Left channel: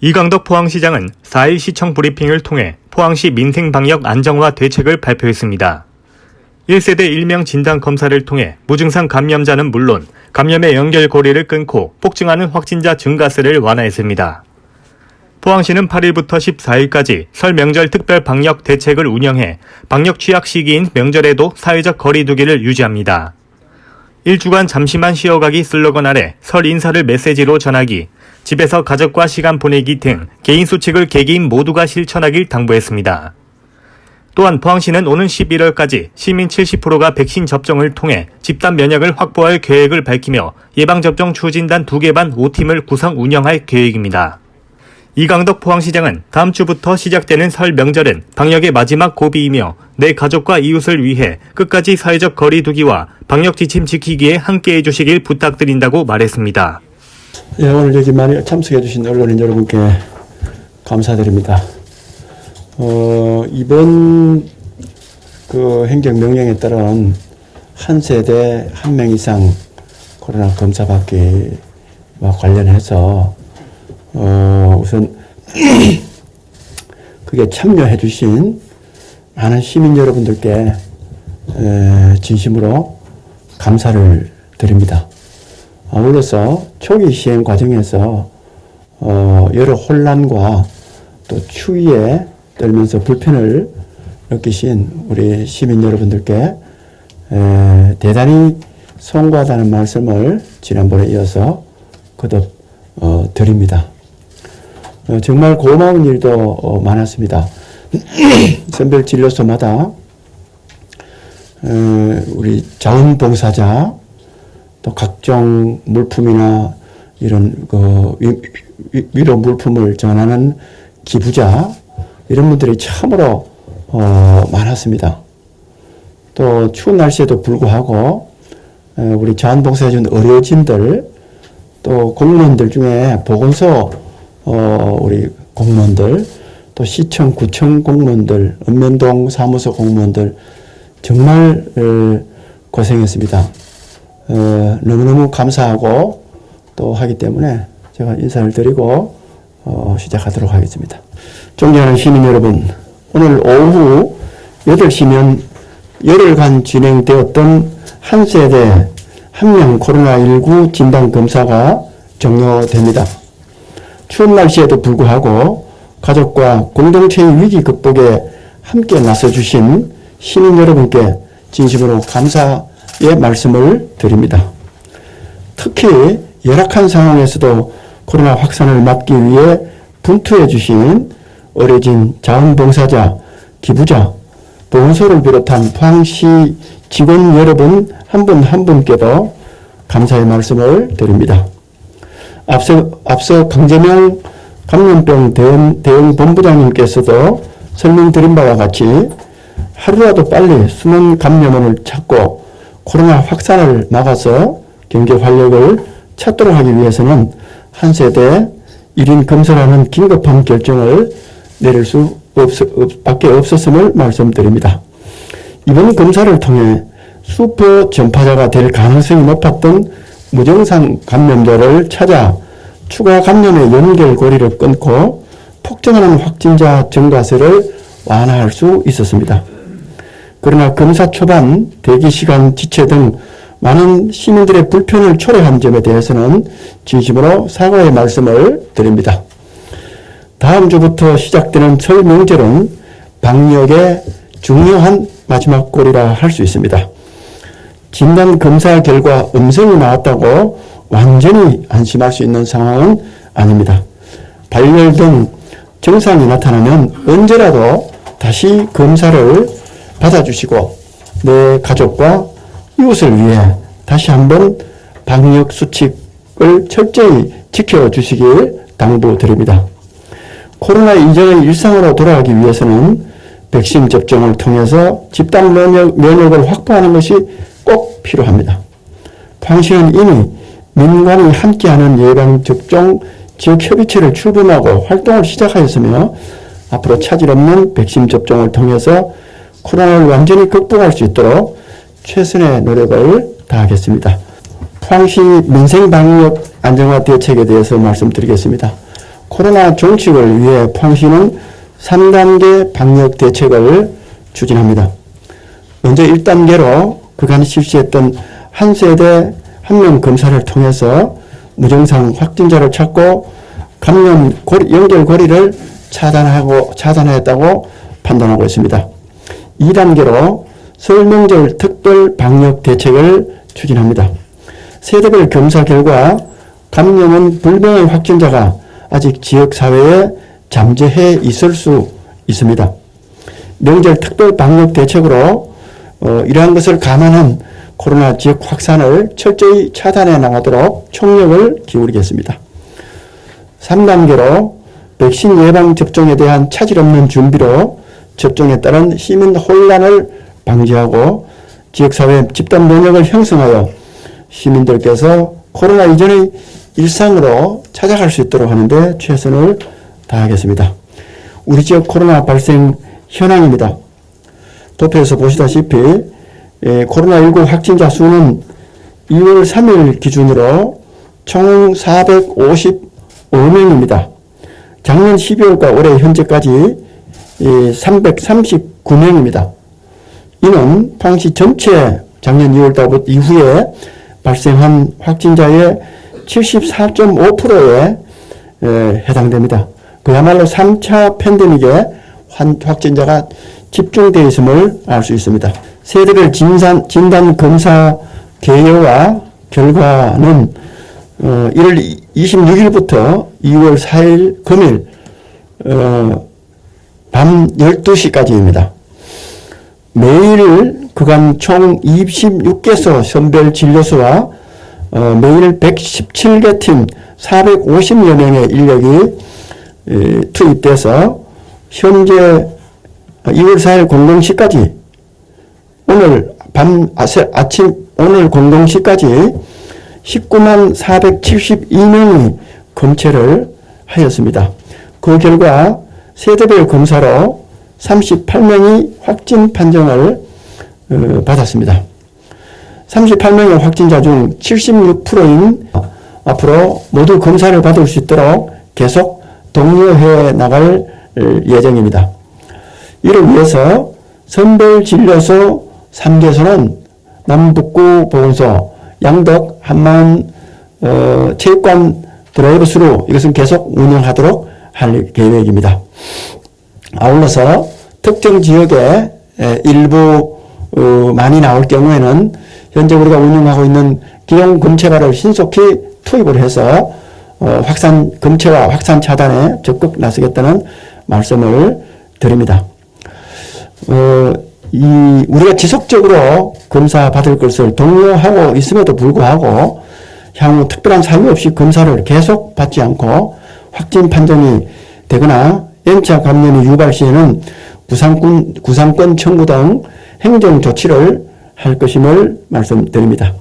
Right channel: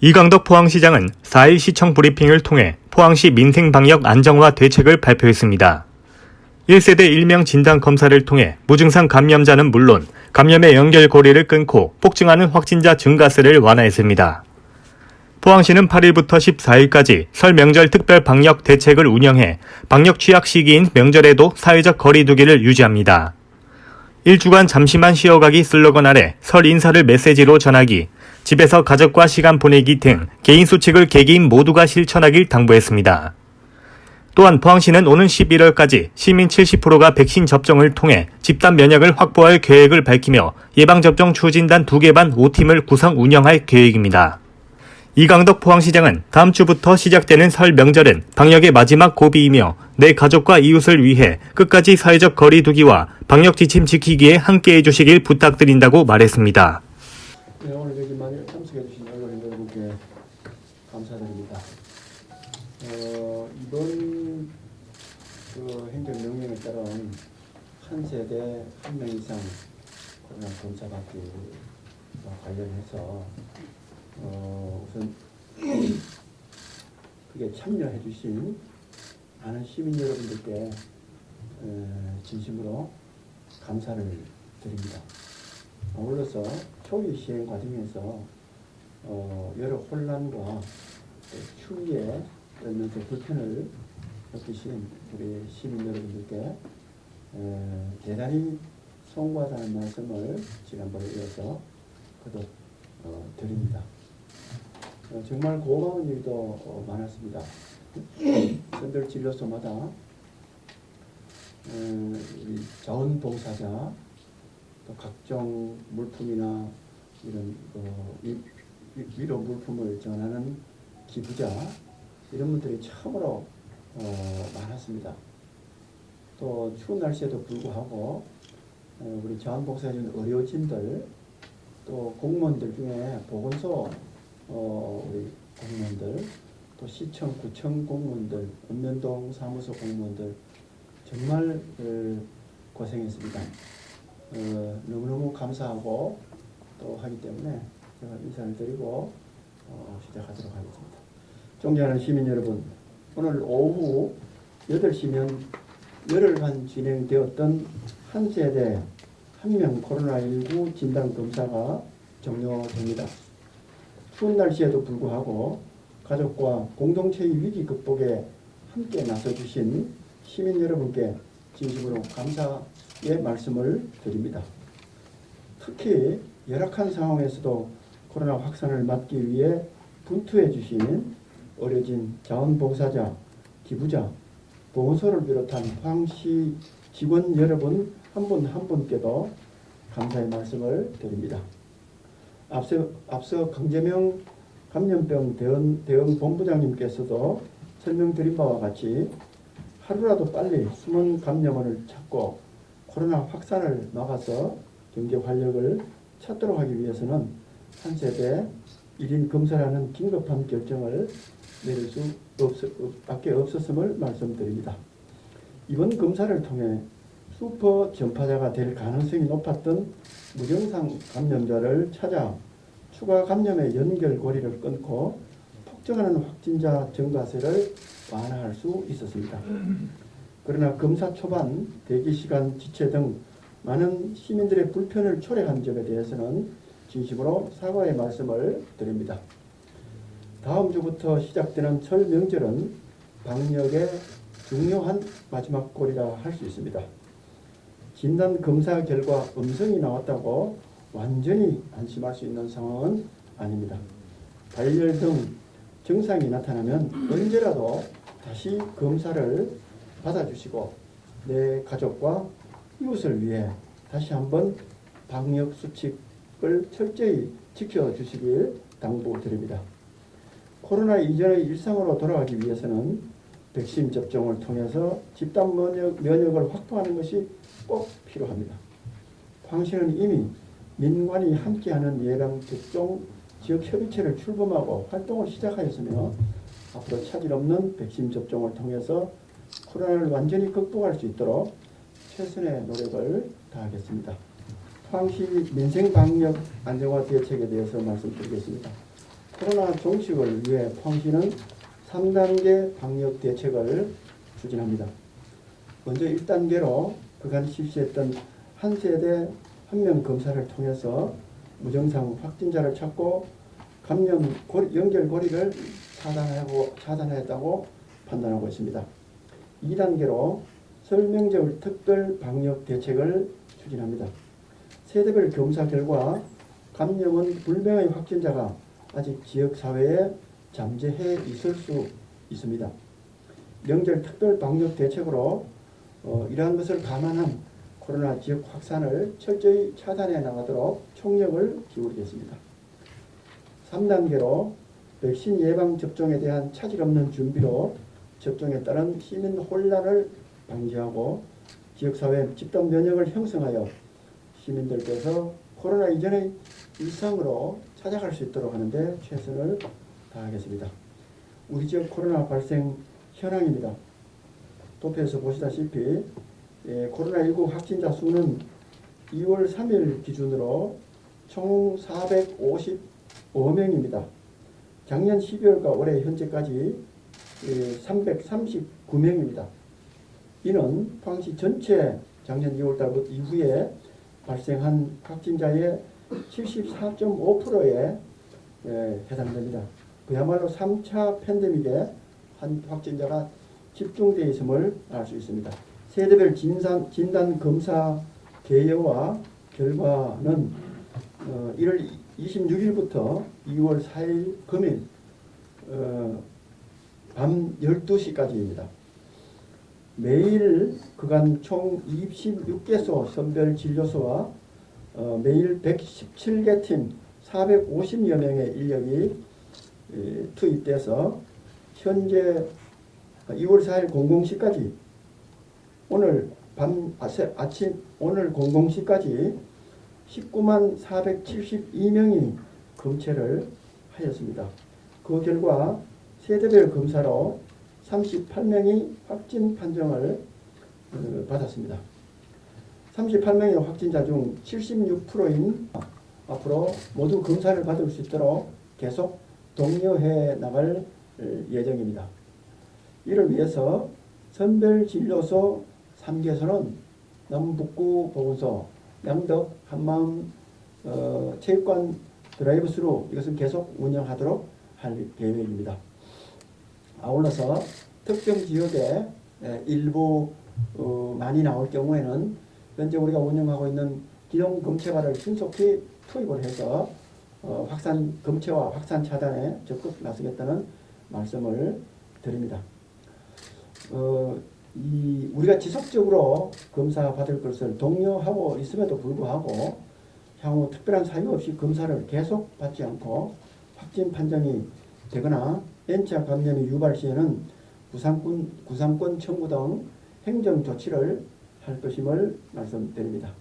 이강덕 포항시장은 4일 시청 브리핑을 통해 포항시 민생방역 안정화 대책을 발표했습니다. 1세대 1명 진단검사를 통해 무증상 감염자는 물론 감염의 연결고리를 끊고 폭증하는 확진자 증가세를 완화했습니다. 포항시는 8일부터 14일까지 설 명절 특별 방역 대책을 운영해 방역 취약 시기인 명절에도 사회적 거리 두기를 유지합니다. 1주간 잠시만 쉬어가기 슬로건 아래 설 인사를 메시지로 전하기, 집에서 가족과 시간 보내기 등 개인 수칙을 개개인 모두가 실천하길 당부했습니다. 또한 포항시는 오는 11월까지 시민 70%가 백신 접종을 통해 집단 면역을 확보할 계획을 밝히며 예방접종 추진단 2개 반 5팀을 구성 운영할 계획입니다. 이강덕 포항시장은 다음 주부터 시작되는 설 명절은 방역의 마지막 고비이며 내 가족과 이웃을 위해 끝까지 사회적 거리 두기와 방역 지침 지키기에 함께해 주시길 부탁드린다고 말했습니다. 예, 오늘 여기 많이 참석해 주신 언론인 여러분께 감사드립니다. 이번 그 행정명령에 따른 한 세대 1명 이상 코로나 검사 받기와 관련해서 우선 그게 참여해 주신 많은 시민 여러분들께 진심으로 감사를 드립니다. 아울러서 초기 시행 과정에서 여러 혼란과 또 추위에 떨면서 불편을 느끼신 우리 시민 여러분들께 대단히 송구하다는 말씀을 지난번에 이어서 거듭 드립니다. 정말 고마운 일도 많았습니다. 선별진료소마다 우리 자원봉사자 또 각종 물품이나 이런 위로 물품을 전하는 기부자 이런 분들이 참으로 많았습니다. 또 추운 날씨에도 불구하고 우리 자원봉사해준 의료진들 또 공무원들 중에 보건소 우리 공무원들 또 시청 구청 공무원들 읍면동 사무소 공무원들 정말 고생했습니다. 너무너무 감사하고 또 하기 때문에 제가 인사를 드리고 시작하도록 하겠습니다. 존경하는 시민 여러분, 오늘 오후 8시면 열흘간 진행되었던 한 세대 1명 코로나19 진단검사가 종료됩니다. 추운 날씨에도 불구하고 가족과 공동체의 위기 극복에 함께 나서주신 시민 여러분께 진심으로 감사의 말씀을 드립니다. 특히 열악한 상황에서도 코로나 확산을 막기 위해 분투해 주신 의료진, 자원봉사자, 기부자, 보건소를 비롯한 포항시 직원 여러분 한 분 한 분께도 감사의 말씀을 드립니다. 앞서 강재명 감염병 대응 본부장님께서도 설명드린 바와 같이 하루라도 빨리 숨은 감염원을 찾고 코로나 확산을 막아서 경제 활력을 찾도록 하기 위해서는 한 세대 1인 검사라는 긴급한 결정을 내릴 수밖에 없었음을 말씀드립니다. 이번 검사를 통해 슈퍼 전파자가 될 가능성이 높았던 무증상 감염자를 찾아 추가 감염의 연결고리를 끊고 폭증하는 확진자 증가세를 완화할 수 있었습니다. 그러나 검사 초반 대기시간 지체 등 많은 시민들의 불편을 초래한 점에 대해서는 진심으로 사과의 말씀을 드립니다. 다음 주부터 시작되는 설 명절은 방역의 중요한 마지막 골이라 할 수 있습니다. 진단 검사 결과 음성이 나왔다고 완전히 안심할 수 있는 상황은 아닙니다. 발열 등 증상이 나타나면 언제라도 다시 검사를 받아주시고 내 가족과 이웃을 위해 다시 한번 방역 수칙을 철저히 지켜주시길 당부드립니다. 코로나 이전의 일상으로 돌아가기 위해서는 백신 접종을 통해서 집단 면역을 확보하는 것이 꼭 필요합니다. 포항시는 이미 민간이 함께하는 예방접종 지역협의체를 출범하고 활동을 시작하였으며 앞으로 차질 없는 백신 접종을 통해서 코로나를 완전히 극복할 수 있도록 최선의 노력을 다하겠습니다. 포항시 민생방역 안정화 대책에 대해서 말씀드리겠습니다. 코로나 종식을 위해 포항시는 3단계 방역 대책을 추진합니다. 먼저 1단계로 그간 실시했던 한 세대 한 명 검사를 통해서 무증상 확진자를 찾고 감염 연결고리를 차단했다고 판단하고 있습니다. 2단계로 설 명절 특별 방역 대책을 추진합니다. 세대별 검사 결과 감염은 불명의 확진자가 아직 지역사회에 잠재해 있을 수 있습니다. 명절 특별 방역 대책으로 이러한 것을 감안한 코로나 지역 확산을 철저히 차단해 나가도록 총력을 기울이겠습니다. 3단계로 백신 예방 접종에 대한 차질 없는 준비로 접종에 따른 시민 혼란을 방지하고 지역사회 집단 면역을 형성하여 시민들께서 코로나 이전의 일상으로 찾아갈 수 있도록 하는데 최선을 다하겠습니다. 우리 지역 코로나 발생 현황입니다. 도표에서 보시다시피 코로나19 확진자 수는 2월 3일 기준으로 총 455명입니다. 작년 12월과 올해 현재까지 339명입니다. 이는 포항시 전체 작년 2월달 이후에 발생한 확진자의 74.5%에 해당됩니다. 그야말로 3차 팬데믹에 확진자가 집중되어 있음을 알 수 있습니다. 세대별 진단 검사 개요와 결과는 1월 26일부터 2월 4일 금일 밤 12시까지입니다. 매일 그간 총 26개소 선별진료소와 매일 117개 팀 450여 명의 인력이 투입돼서 현재 2월 4일 00시까지 오늘 오늘 00시까지 19만 472명이 검체를 하였습니다. 그 결과 세대별 검사로 38명이 확진 판정을 받았습니다. 38명의 확진자 중 76%인 앞으로 모두 검사를 받을 수 있도록 계속 독려해 나갈 예정입니다. 이를 위해서 선별진료소 3개소는 남북구 보건소, 양덕, 한마음 체육관 드라이브스루 이것은 계속 운영하도록 할 계획입니다. 아울러서 특정 지역에 일부 많이 나올 경우에는 현재 우리가 운영하고 있는 기존 검체가를 신속히 투입을 해서 확산 검체와 확산 차단에 적극 나서겠다는 말씀을 드립니다. 우리가 지속적으로 검사 받을 것을 독려하고 있음에도 불구하고 향후 특별한 사유 없이 검사를 계속 받지 않고 확진 판정이 되거나 N차 감염이 유발 시에는 구상권 청구 등 행정 조치를 할 것임을 말씀드립니다.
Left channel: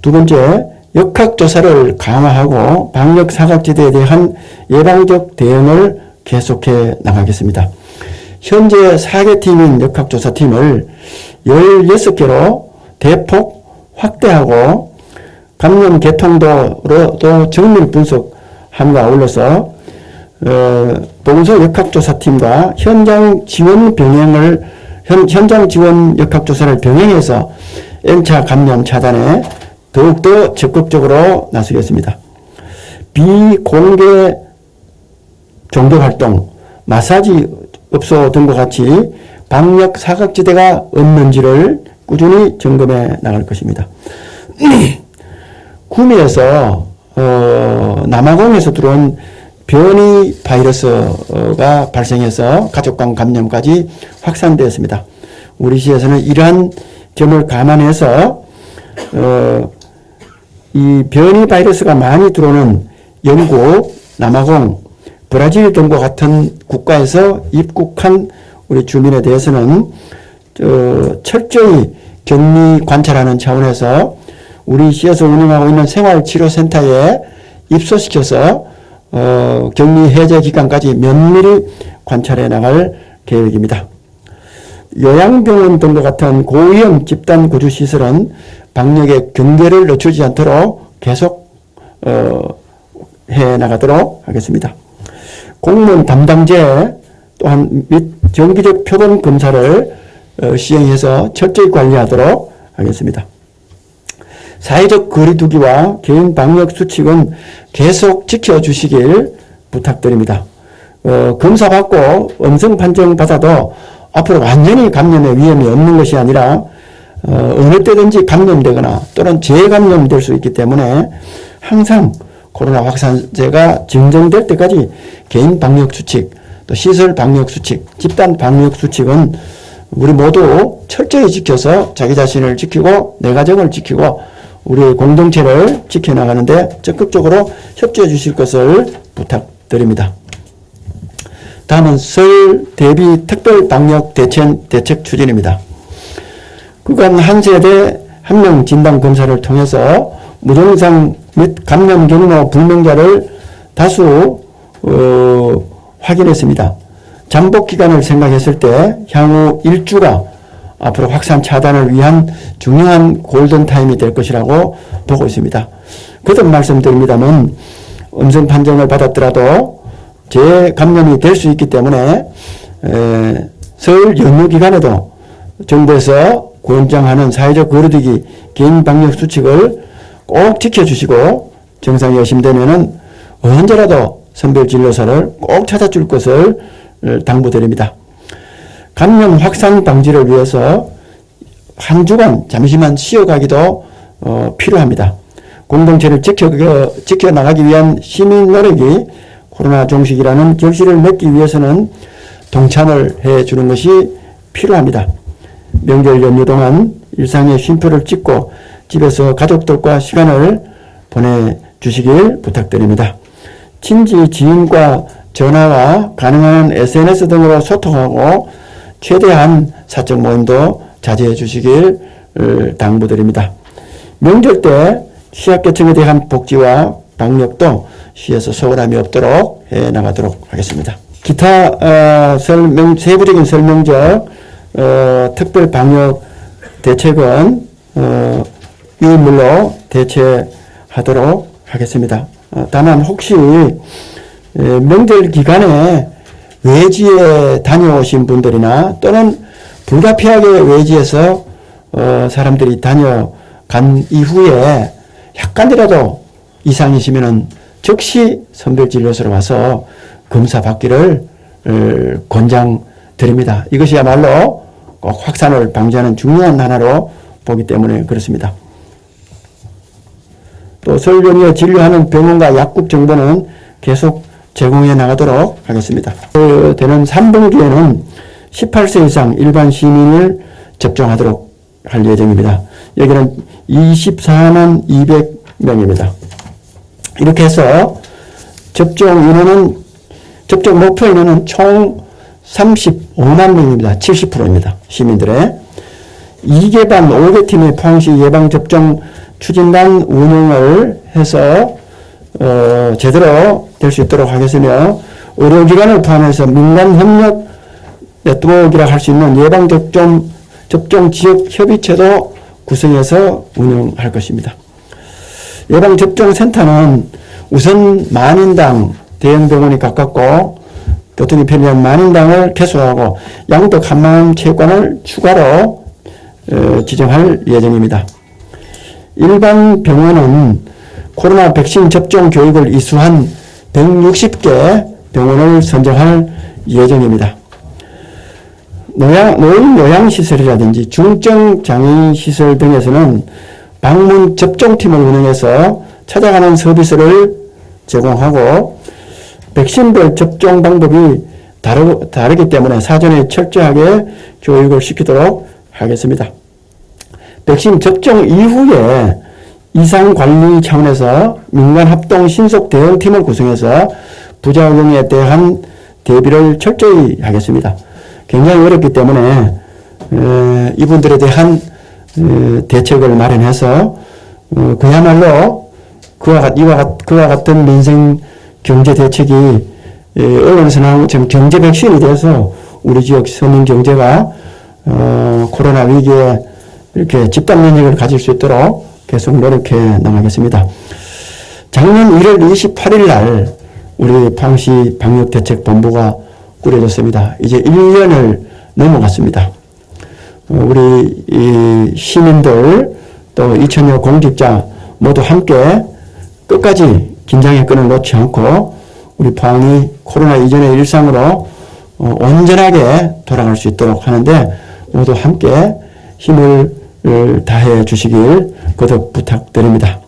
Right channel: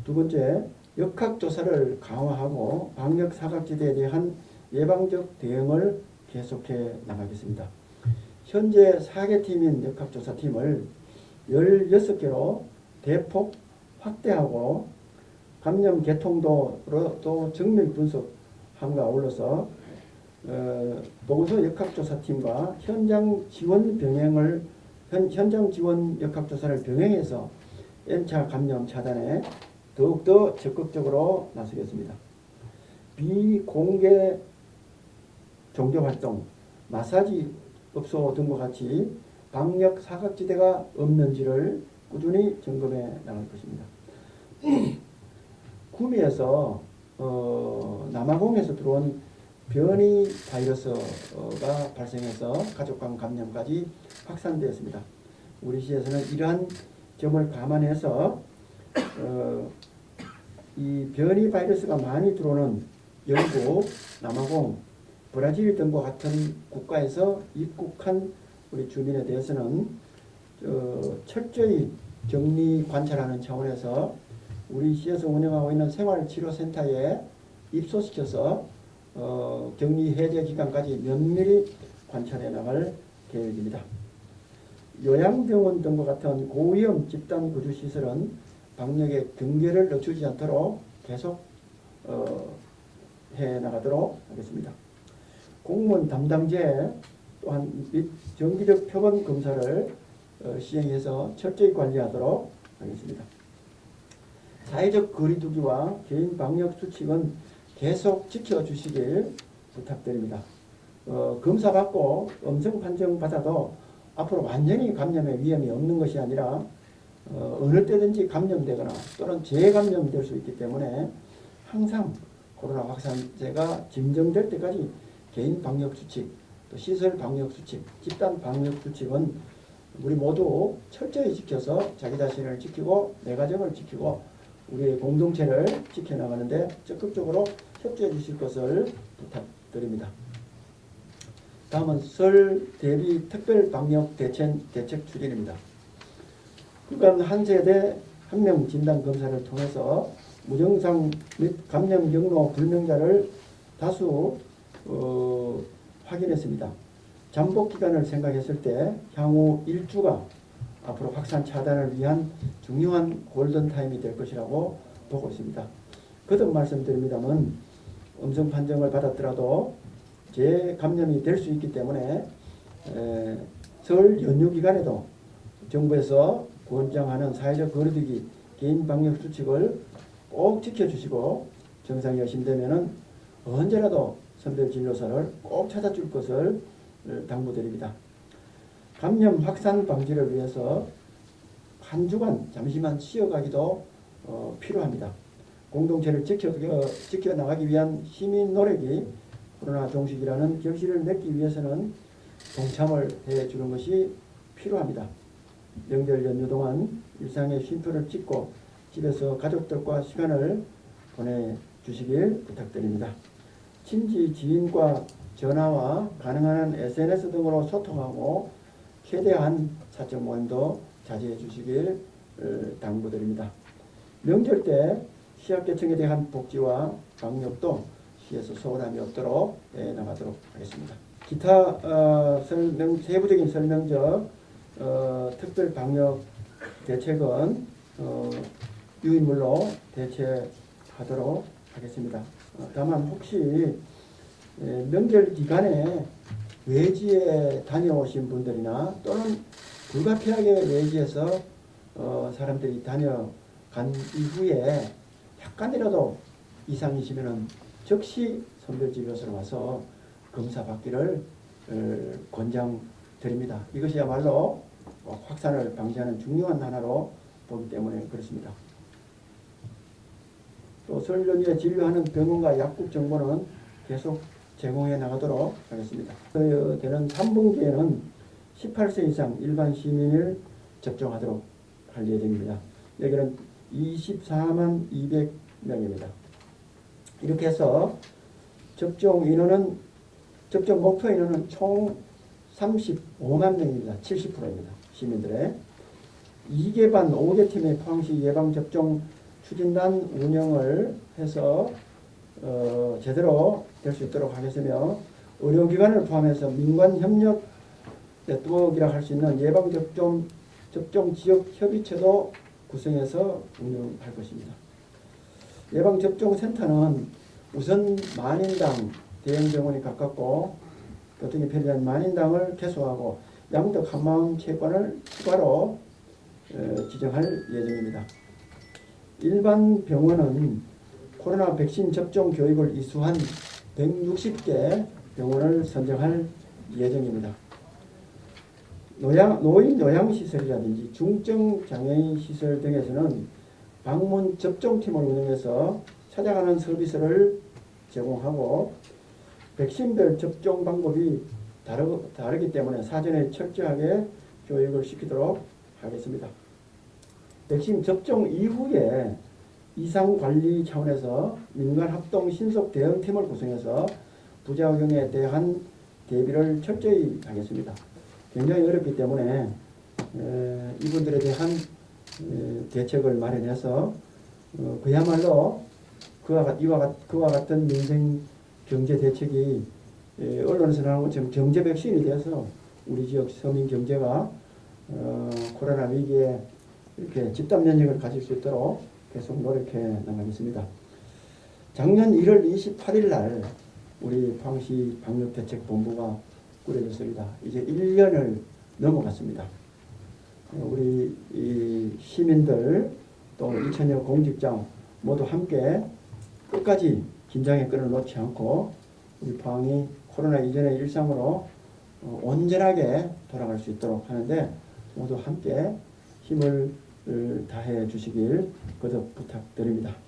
두 번째, 역학조사를 강화하고 방역 사각지대에 대한 예방적 대응을 계속해 나가겠습니다. 현재 4개 팀인 역학조사팀을 16개로 대폭 확대하고 감염 개통도로도 정밀 분석함과 아울러서 보건소 역학조사팀과 현장 지원 역학조사를 병행해서 N차 감염 차단에 더욱더 적극적으로 나서겠습니다. 비공개 종교활동, 마사지 업소 등과 같이 방역 사각지대가 없는지를 꾸준히 점검해 나갈 것입니다. 구미에서 남아공에서 들어온 변이 바이러스가 발생해서 가족 간 감염까지 확산되었습니다. 우리 시에서는 이러한 점을 감안해서 이 변이 바이러스가 많이 들어오는 영국, 남아공, 브라질 등과 같은 국가에서 입국한 우리 주민에 대해서는 철저히 격리 관찰하는 차원에서 우리 시에서 운영하고 있는 생활치료센터에 입소시켜서 격리 해제 기간까지 면밀히 관찰해 나갈 계획입니다. 요양병원 등과 같은 고위험 집단 구주 시설은 방역의 경계를 늦추지 않도록 계속 해 나가도록 하겠습니다. 공무원 담당제 또한 및 정기적 표본 검사를 시행해서 철저히 관리하도록 하겠습니다. 사회적 거리두기와 개인 방역 수칙은 계속 지켜주시길 부탁드립니다. 검사받고 음성 판정 받아도 앞으로 완전히 감염의 위험이 없는 것이 아니라 어느 때든지 감염되거나 또는 재감염될 수 있기 때문에 항상 코로나 확산세가 증정될 때까지 개인 방역 수칙, 또 시설 방역 수칙, 집단 방역 수칙은 우리 모두 철저히 지켜서 자기 자신을 지키고 내 가정을 지키고 우리 공동체를 지켜나가는데 적극적으로 협조해 주실 것을 부탁드립니다. 다음은 설 대비 특별 방역 대책 추진입니다. 그간 한 세대 한 명 진단 검사를 통해서 무증상 및 감염 경로 불명자를 다수 확인했습니다. 잠복 기간을 생각했을 때 향후 1주가 앞으로 확산 차단을 위한 중요한 골든타임이 될 것이라고 보고 있습니다. 거듭 말씀드립니다만 음성 판정을 받았더라도 재감염이 될 수 있기 때문에 설 연휴 기간에도 정부에서 권장하는 사회적 거리두기 개인 방역 수칙을 꼭 지켜주시고 증상이 의심되면은 언제라도 선별진료소를 꼭 찾아줄 것을 당부드립니다. 감염 확산 방지를 위해서 한 주간 잠시만 쉬어가기도 필요합니다. 공동체를 지켜나가기 위한 시민 노력이 코로나 종식이라는 결실을 맺기 위해서는 동참을 해주는 것이 필요합니다. 명절 연휴 동안 일상의 쉼표를 찍고 집에서 가족들과 시간을 보내주시길 부탁드립니다. 친지, 지인과 전화와 가능한 SNS 등으로 소통하고 최대한 사적 모임도 자제해 주시길 당부드립니다. 명절 때 취약계층에 대한 복지와 방역도 시에서 소홀함이 없도록 해나가도록 하겠습니다. 기타 세부적인 설명적 특별 방역 대책은 유인물로 대체하도록 하겠습니다. 다만 혹시 명절 기간에 외지에 다녀오신 분들이나 또는 불가피하게 외지에서 사람들이 다녀간 이후에 약간이라도 이상이시면은 즉시 선별진료소로 와서 검사 받기를 권장드립니다. 이것이야말로 꼭 확산을 방지하는 중요한 하나로 보기 때문에 그렇습니다. 또 설 연휴에 진료하는 병원과 약국 정보는 계속 제공해 나가도록 하겠습니다. 되는 3분기에는 18세 이상 일반 시민을 접종하도록 할 예정입니다. 여기는 24만 200명입니다. 이렇게 해서 접종 목표 인원은 총 35만 명입니다. 70%입니다. 시민들의 2개반 5개 팀의 포항시 예방접종 추진단 운영을 해서 제대로 될 수 있도록 하겠으며 의료기관을 포함해서 민간협력 네트워크라 할 수 있는 예방접종 지역협의체도 구성해서 운영할 것입니다. 예방접종센터는 우선 만인당 대형병원이 가깝고 교통이 편리한 만인당을 개소하고 양덕 한마음 체육관을 추가로 지정할 예정입니다. 일반 병원은 코로나 백신 접종 교육을 이수한 160개 병원을 선정할 예정입니다. 노인 요양시설이라든지 중증장애인시설 등에서는 방문 접종팀을 운영해서 찾아가는 서비스를 제공하고 백신별 접종 방법이 다르기 때문에 사전에 철저하게 교육을 시키도록 하겠습니다. 백신 접종 이후에 이상관리 차원에서 민간합동 신속 대응팀을 구성해서 부작용에 대한 대비를 철저히 하겠습니다. 굉장히 어렵기 때문에 이분들에 대한 대책을 마련해서 그야말로 그와 같은 민생 경제 대책이 언론에서 나온 것처럼 경제 백신이 돼서 우리 지역 서민 경제가 코로나 위기에 이렇게 집단 면역을 가질 수 있도록 계속 노력해 나가겠습니다. 작년 1월 28일 날 우리 포항시 방역대책본부가 꾸려졌습니다. 이제 1년을 넘어갔습니다. 우리 이 시민들 또 2천여 공직자 모두 함께 끝까지 긴장의 끈을 놓지 않고 우리 포항이 코로나 이전의 일상으로 온전하게 돌아갈 수 있도록 하는데 모두 함께 힘을 다해 주시길 거듭 부탁드립니다.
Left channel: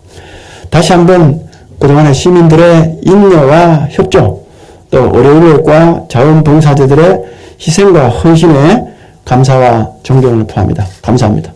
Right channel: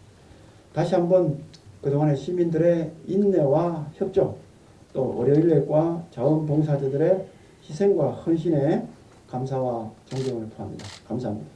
다시 한번 그동안의 시민들의 인내와 협조 또 의료인력과 자원봉사자들의 희생과 헌신에 감사와 존경을 표합니다. 감사합니다.